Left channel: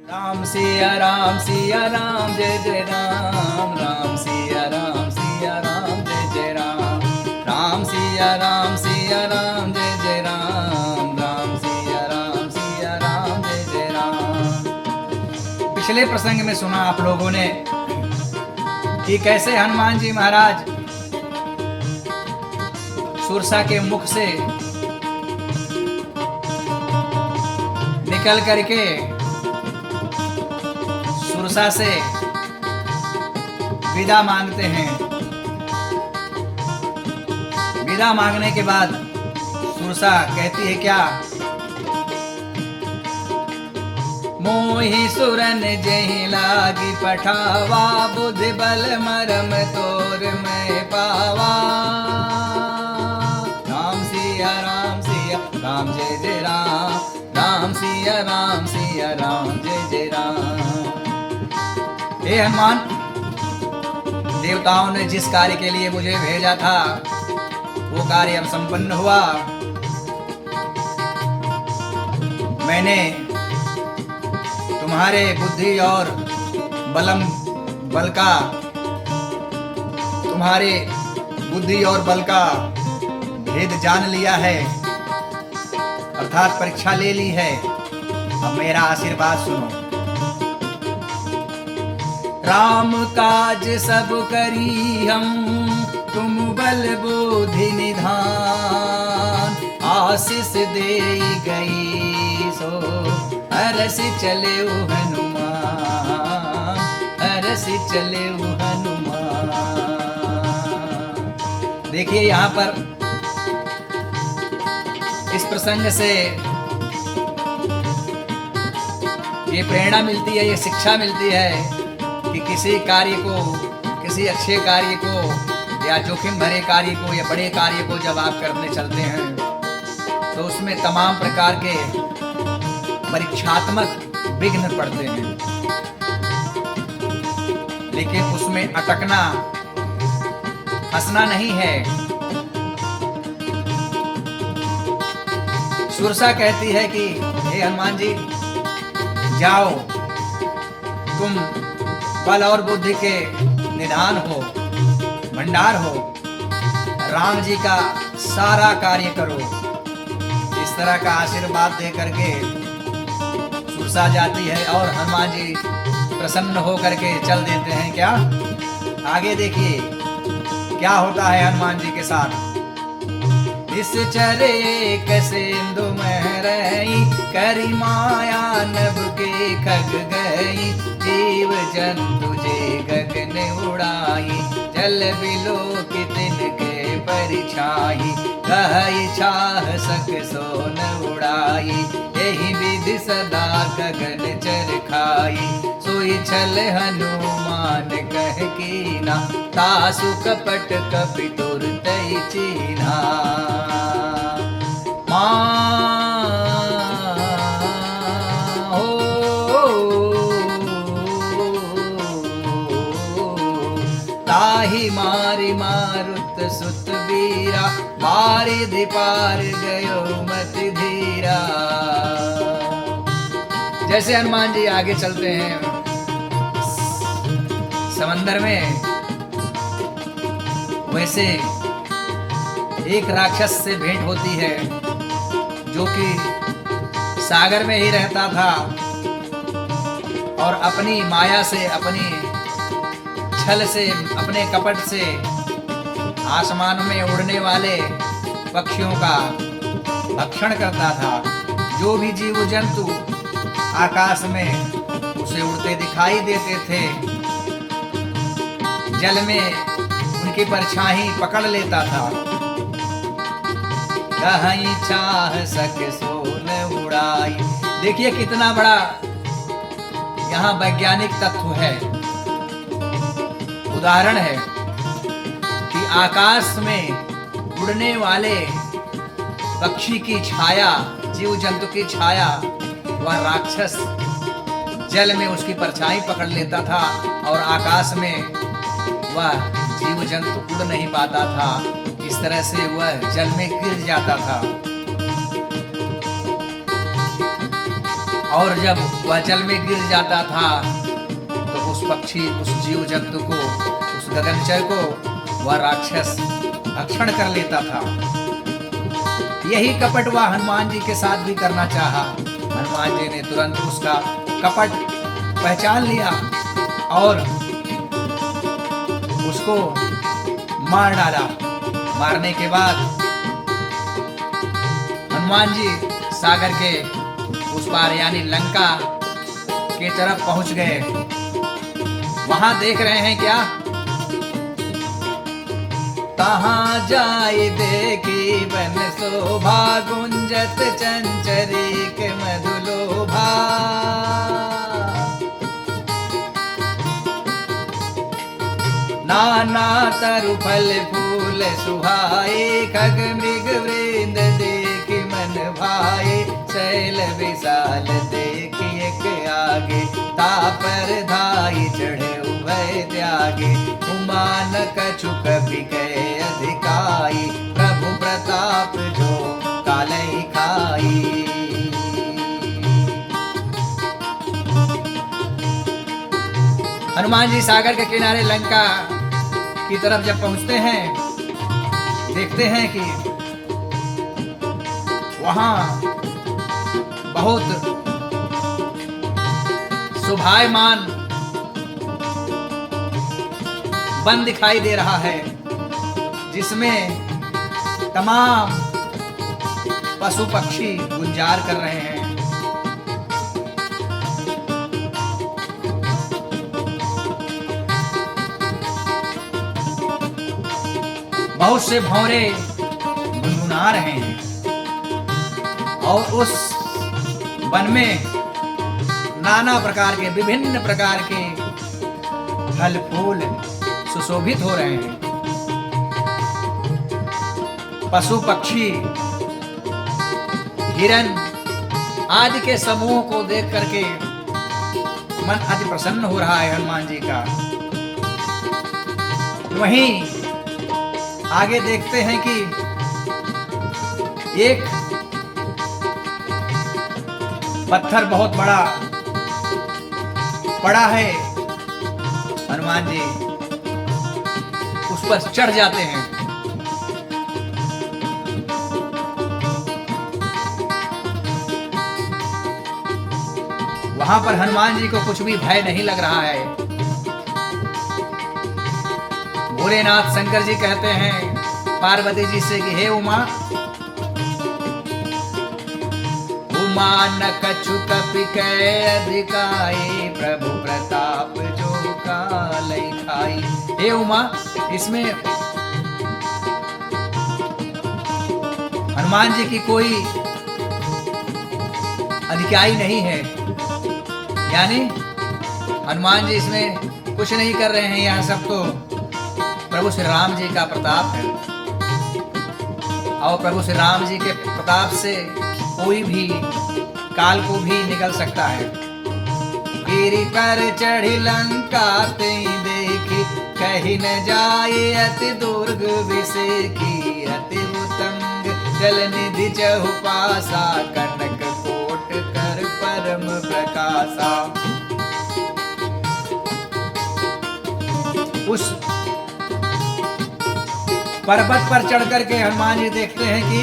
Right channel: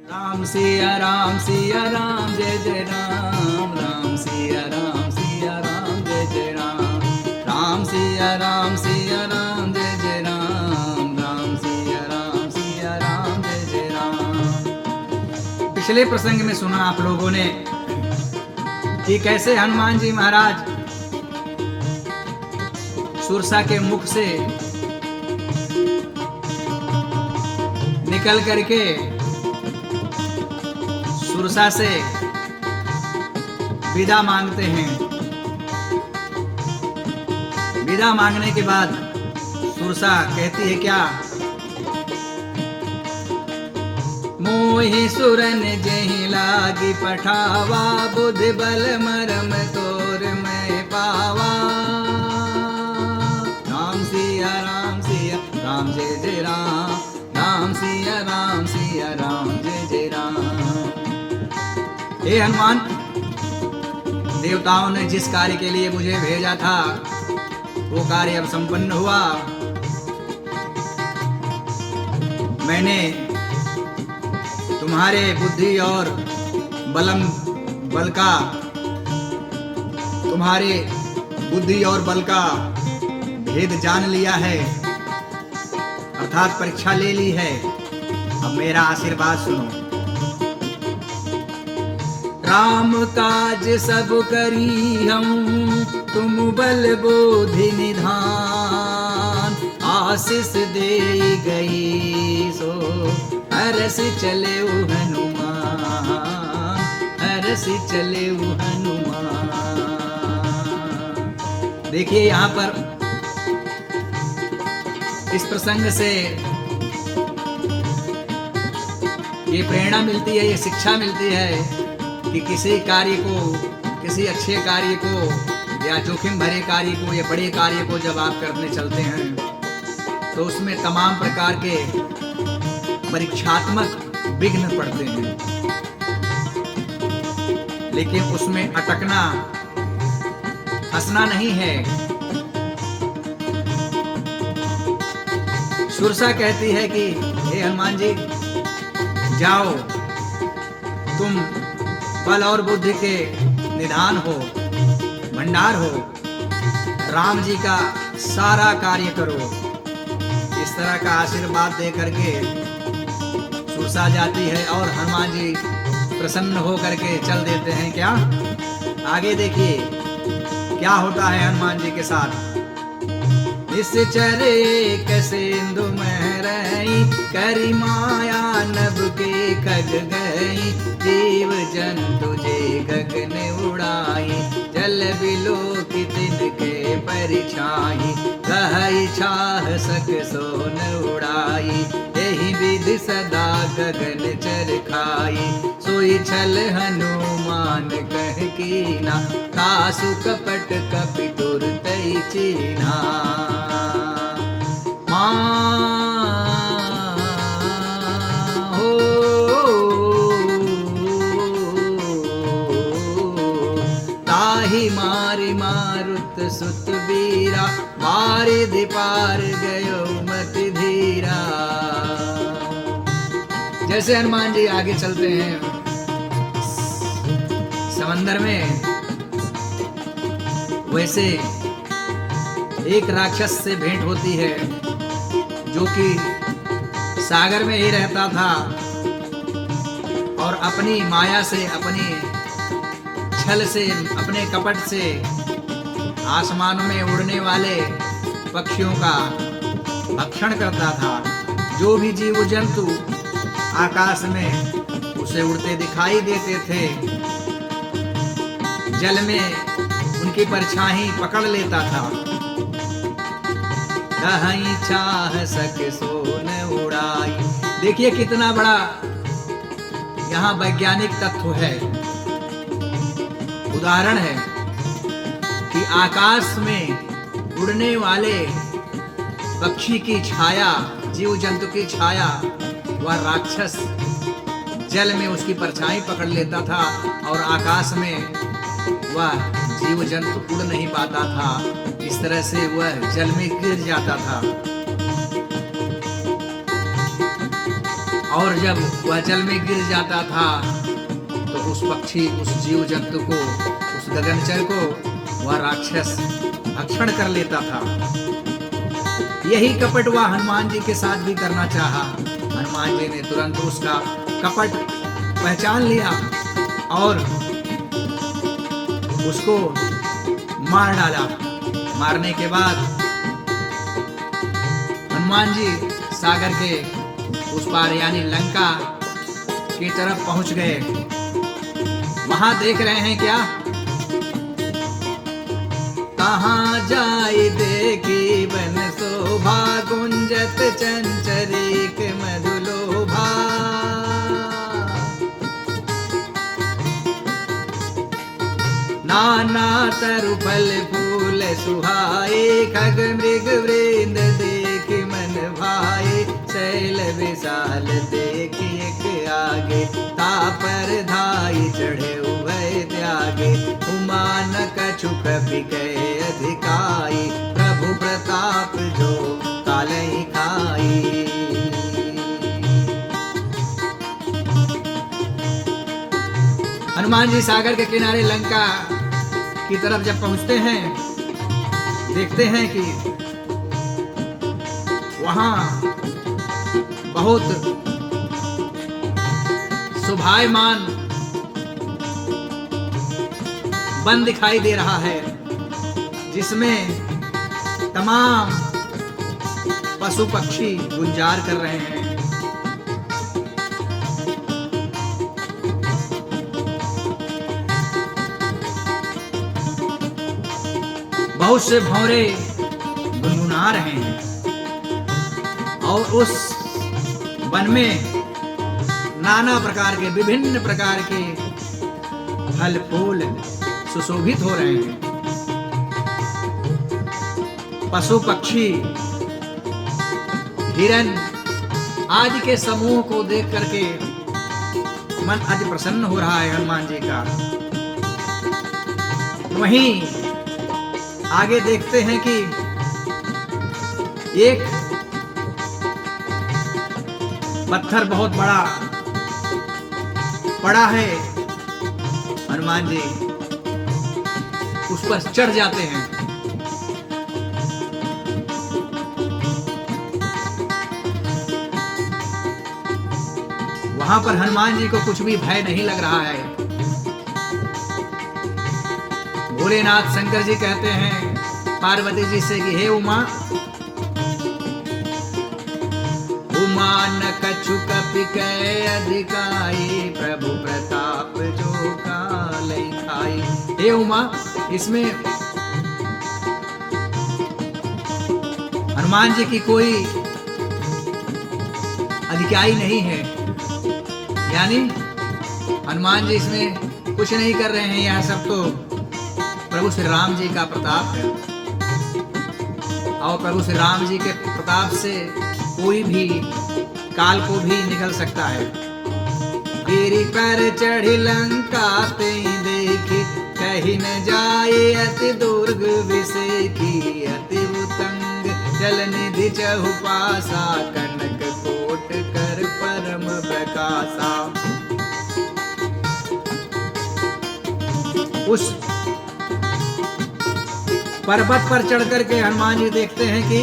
राम सिया राम जय जय राम। राम सिया राम जय जय राम। राम सिया राम जय जय राम। राम सिया राम जय जय राम। पिछले प्रसंग में सुना आप लोगों ने कि कैसे हनुमान जी महाराज सुरसा के मुख से निकल करके सुरसा से विदा मांगते हैं। विदा मांगने के बाद सुरसा कहती है क्या? मोहि सुरन जहि लागी पठावा, बुद्धि बल मरम तोर मैं पावा। राम सिया राम जय जय राम। राम सिया राम जय जय राम। हे हनुमान, देवताओं ने जिस कार्य के लिए मुझे भेजा था वो कार्य अब संपन्न हुआ। मैंने तुम्हारे बुद्धि और बल का भेद जान लिया है, अर्थात परीक्षा ले ली है। अब मेरा आशीर्वाद सुनो। राम काज सब करी हम, तुम बल बुद्धि निधान। आशीष दे गई सो हरसि चले हनुमान, हरसि चले हनुमान। देखिए यहाँ पर इस प्रसंग से ये प्रेरणा मिलती है, ये शिक्षा मिलती है कि किसी कार्य को, किसी अच्छे कार्य को या जोखिम भरे कार्य को या बड़े कार्य को जब आप करने चलते हैं तो उसमें तमाम प्रकार के परीक्षात्मक विघ्न पड़ते हैं, लेकिन उसमें अटकना, हंसना नहीं है। सुरसा कहती है कि हे हनुमान जी, जाओ, तुम बल और बुद्धि के निधान हो, भंडार हो, राम जी का सारा कार्य करो। इस तरह का आशीर्वाद दे करके सुरसा जाती है और हनुमान जी प्रसन्न हो करके चल देते हैं। क्या आगे देखिए क्या होता है हनुमान जी के साथ। इस चरे सिंधु महरई, करी माया नभ के खग गई। जीव जंतु जे गगन उड़ाई, जल बिलो की तिनके परिछाई। कहई छाह सक सोन उड़ाई, यही विधि सदा गगन चर खाई। सोई छल हनुमान कह कीना, तासु कपट कपि तुरतै चीन्हा। ताहि मारि मारुत सुत वीरा, बारिधि पार गयो मति धीरा। जैसे हनुमान जी आगे चलते हैं समंदर में, वैसे एक राक्षस से भेंट होती है जो कि सागर में ही रहता था और अपनी माया से, अपनी छल से, अपने कपट से आसमानों में उड़ने वाले पक्षियों का भक्षण करता था। जो भी जीव जंतु आकाश में उसे उड़ते दिखाई देते थे, जल में उनकी परछाई पकड़ लेता था। कहीं चाह सके सोन उड़ाई। देखिए कितना बड़ा यहाँ वैज्ञानिक तत्व है, उदाहरण है कि आकाश में उड़ने वाले पक्षी की छाया, जीव जंतु की छाया, वह राक्षस जल में उसकी परछाई पकड़ लेता था और आकाश में वह जीव जंतु उड़ नहीं पाता था। इस तरह से वह जल में गिर जाता था। और जब वह जल में गिर जाता था तो उस पक्षी, उस जीव जंतु को, उस गगनचर को वह राक्षस भक्षण कर लेता था। यही कपट वह हनुमान जी के साथ भी करना चाहा। हनुमान जी ने तुरंत उसका कपट पहचान लिया और उसको मार डाला। मारने के बाद हनुमान जी सागर के उस पार यानी लंका की तरफ पहुंच गए। वहां देख रहे हैं क्या, कहाँ जाए देखी वन शोभा, गुंजत चंचरीक मधुलोभा। नाना तरु फल फूल सुहाए, खग मृग वृंद देख मन भाए। शैल विशाल देख एक आगे, तापर धाई चढ़े उभय त्यागे। उमान कछु कपि कहे अधिकाई, प्रभु प्रताप जो कालहि खाई। हनुमान जी सागर के किनारे लंका की तरफ जब पहुंचते हैं, देखते हैं कि वहां बहुत शोभायमान वन दिखाई दे रहा है, जिसमें तमाम पशु पक्षी गुंजार कर रहे हैं। बहुत से भौरे गुनगुना रहे हैं और उस वन में नाना प्रकार के, विभिन्न प्रकार के फल फूल सुशोभित हो रहे हैं। पशु पक्षी, हिरन आदि के समूह को देख करके मन अति प्रसन्न हो रहा है हनुमान जी का। वहीं आगे देखते हैं कि एक पत्थर बहुत बड़ा पड़ा है। हनुमान जी उस पर चढ़ जाते हैं। वहां पर हनुमान जी को कुछ भी भय नहीं लग रहा है। भोलेनाथ शंकर जी कहते हैं पार्वती जी से कि हे उमा, उमा न कछु कपि कहे अधिकाई, प्रभु प्रताप जो कालहि खाई। हे उमा, इसमें हनुमान जी की कोई अधिकाई नहीं है, यानी हनुमान जी इसमें कुछ नहीं कर रहे हैं। यह सब तो प्रभु श्री राम जी का प्रताप है और प्रभु श्री राम जी के प्रताप से कोई भी काल को भी निकल सकता है। गिरि कर चढ़ी लंका ते देखी, कहीं न जाए अति दुर्ग विसेखी। अति उतंग जल निधि चहुपासा, कनक कोट कर परम प्रकाशा। उस पर्वत पर चढ़ करके हनुमान जी देखते हैं कि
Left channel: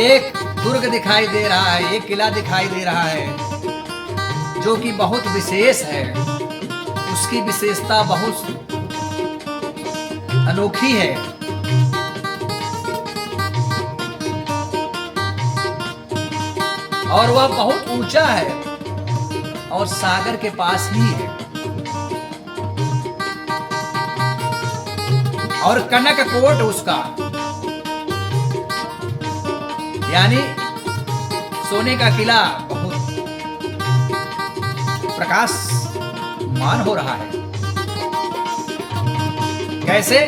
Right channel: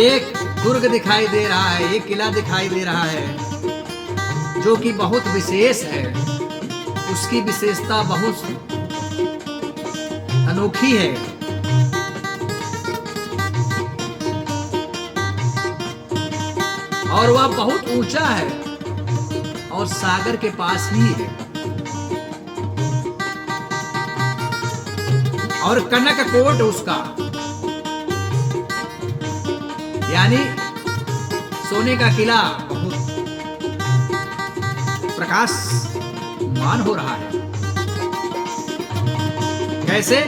एक दुर्ग दिखाई दे रहा है, एक किला दिखाई दे रहा है जो कि बहुत विशेष है। उसकी विशेषता बहुत अनोखी है। और वह बहुत ऊंचा है और सागर के पास ही है। और कनक कोट उसका, यानी सोने का किला बहुत प्रकाशमान हो रहा है। कैसे?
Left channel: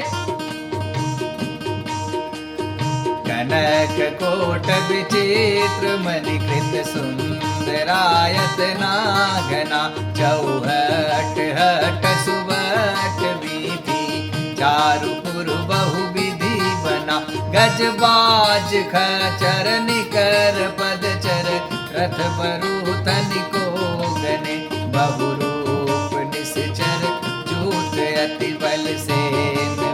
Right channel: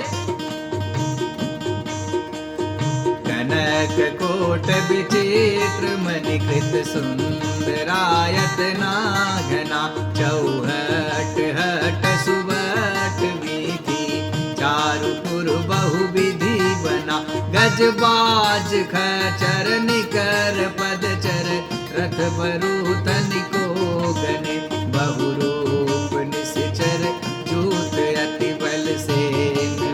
कनक कोट विचित्र मलिकृत सुंदरायत नागना, चौहट हट सुबट वीथी, चारुपुर बहु विधि बना। गजबाज खचर निकर पद चर रथ बरु तनिको गने, बहुरूप निश्चल जूत अति बल से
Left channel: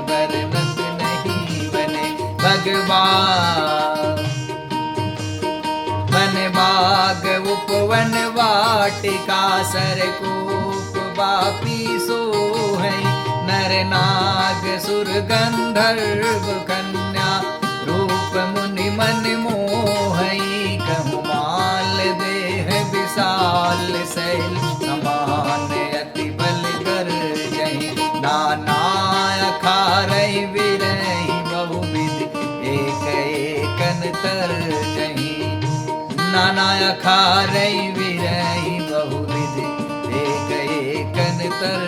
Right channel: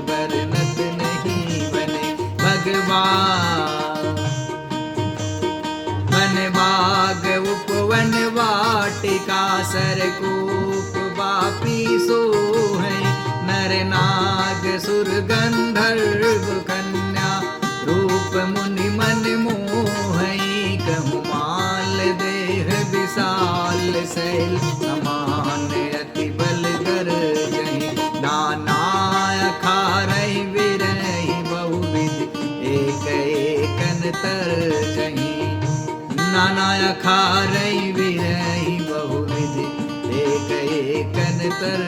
वर्णत नहीं बने। भगवान वन बाग उपवन वाटिका सरकूप बापी सोहै, नर नाग सुर गंधर्व कन्या रूप मुनि मन मोहई। कहु माल देह विशाल शैल समान अति बल बर जहि, नाना अखारहि विरहि बहुविध एक एकन तर जहि। नाना अखारहि विरहि बहुविध एक एकन तर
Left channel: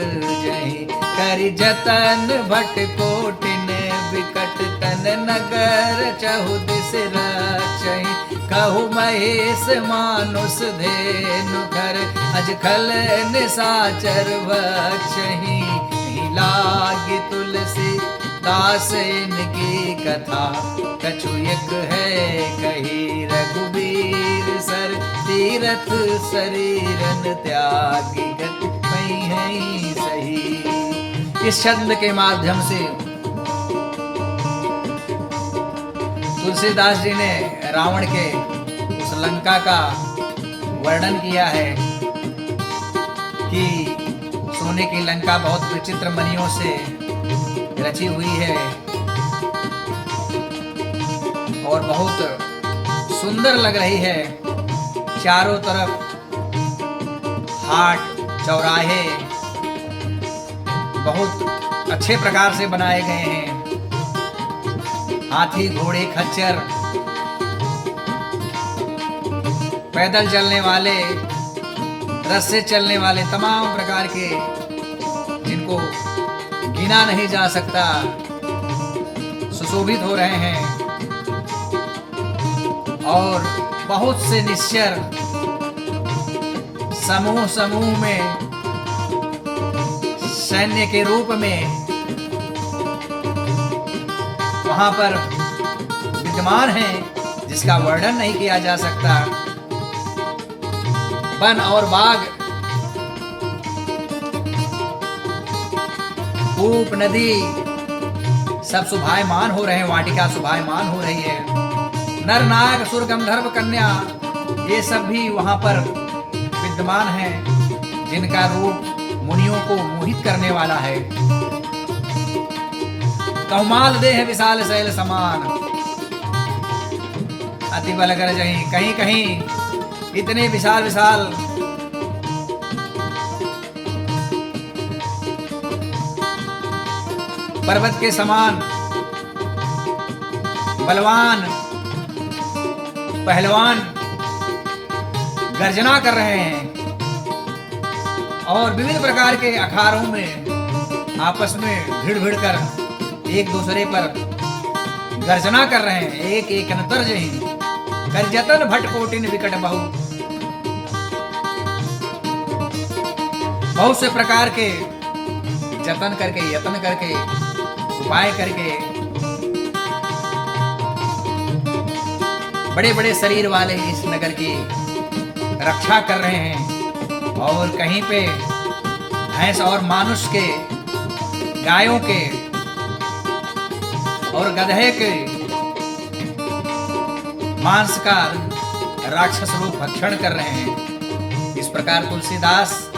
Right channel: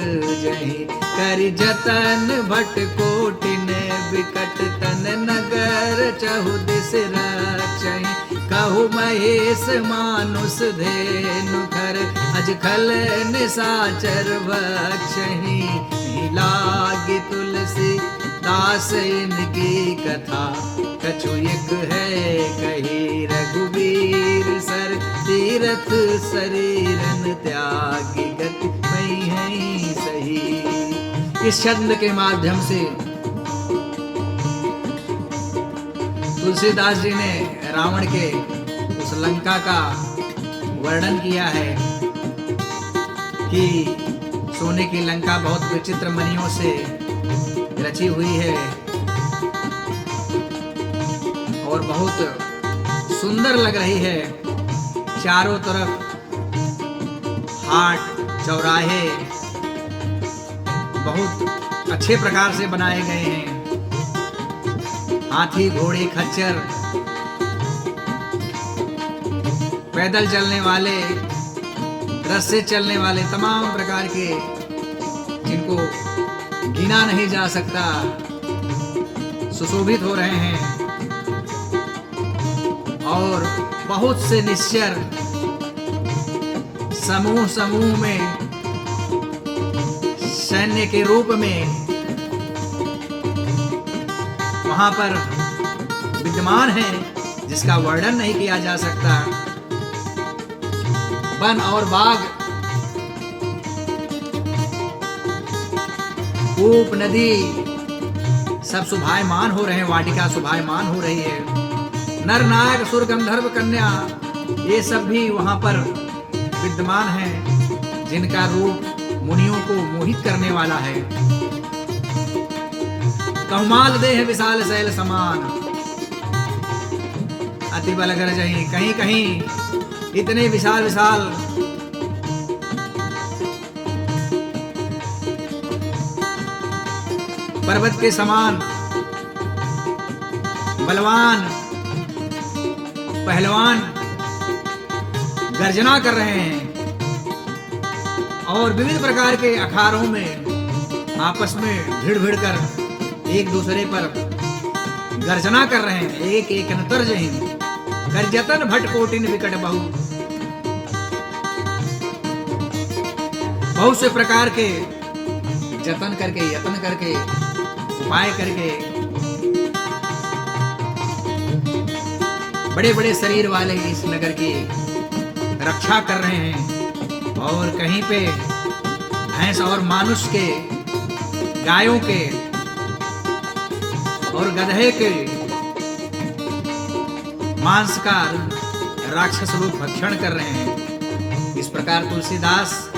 जहि। कर जतन भट कोटिन विकट तन नगर चहुदिस रचहि। कहु महेश मानुष धेनु घर, अजखल निशाचर भक्षहि। लाग तुलसी दास इनकी कथा, कछु एक है कही रघुवीर सर। तीरथ शरीरन त्यागी गति नहीं है सही। इस छंद के माध्यम से तुलसीदास जी ने रावण के उस लंका का वर्णन किया है कि सोने की लंका बहुत विचित्र मणियों से रची हुई है और बहुत सुंदर लग रही है। चारों तरफ हाट चौराहे बहुत अच्छे प्रकार से बनाए गए हैं। हाथी घोड़े खच्चर, पैदल चलने वाले, रथ से चलने वाले, तमाम प्रकार के जिनको गिना नहीं जा सकता सुशोभित हो रहे हैं। और बहुत से निश्चर समूह समूह में सैन्य के रूप में वहां पर विद्यमान है, जिसका वर्णन नहीं किया जा सकता। वन और बाग, कूप, नदी सब शुभायमान हो रहे हैं, वाटिका शुभायमान हो रही है। नर नाग सुर गंधर्व कन्या ये सब भी वहां पर विद्यमान हैं, जिनका रूप मुनियों को मोहित करने वाला है। कहुमाल देह विशाल शैल समान अति बल गर जहीं। कहीं कहीं इतने विशाल विशाल पर्वत के समान बलवान पहलवान गर्जना कर रहे हैं और विविध प्रकार के अखाड़ों में आपस में भिड़ भिड़ कर एक दूसरे पर गर्जना कर रहे हैं। एक एक अंतर जही कर जतन भट कोटिन विकट बहुत से प्रकार के जतन करके, यत्न करके, उपाय करके बड़े बड़े शरीर वाले इस नगर की रक्षा कर रहे हैं। और कहीं पे भैंस और मानुष के, गायों के और गधे के मांस का राक्षस रूप भक्षण कर रहे हैं। इस प्रकार तुलसीदास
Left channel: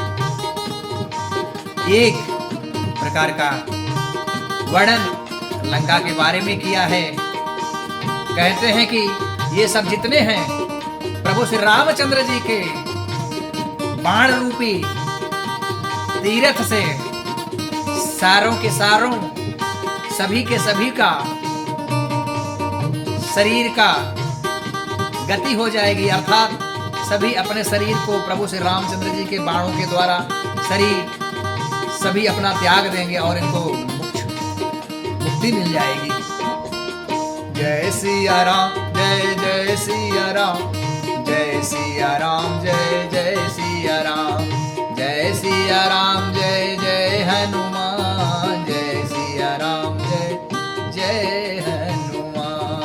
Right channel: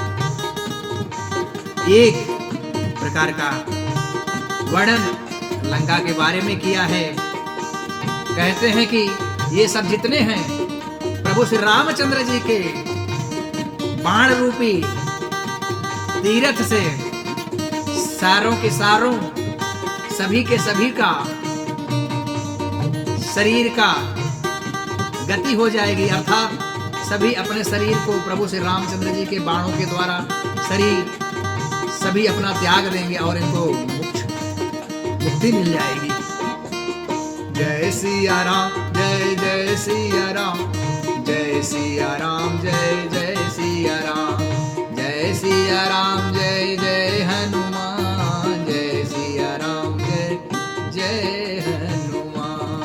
एक प्रकार का वर्णन लंका के बारे में किया है। कहते हैं कि ये सब जितने हैं प्रभु श्री रामचंद्र जी के बाण रूपी तीर्थ से सारों के सारों, सभी के सभी का शरीर का गति हो जाएगी, अर्थात सभी अपने शरीर को प्रभु श्री रामचंद्र जी के बाणों के द्वारा शरीर सभी अपना त्याग देंगे और इनको मुक्ति मिल जाएगी। जय सिया राम, जय जय सिया राम, जय सिया राम, जय जय सिया राम, जय सिया राम, जय जय हनुमान, जय सिया राम, जय जय हनुमान।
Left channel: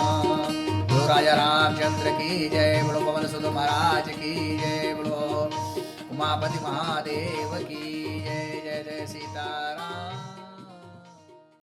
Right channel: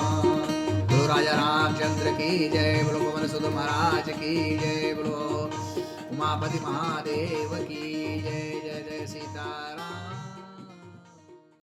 बोलो राजा रामचंद्र की जय, बोलो पवन सुत महाराज की उमापति महादेव की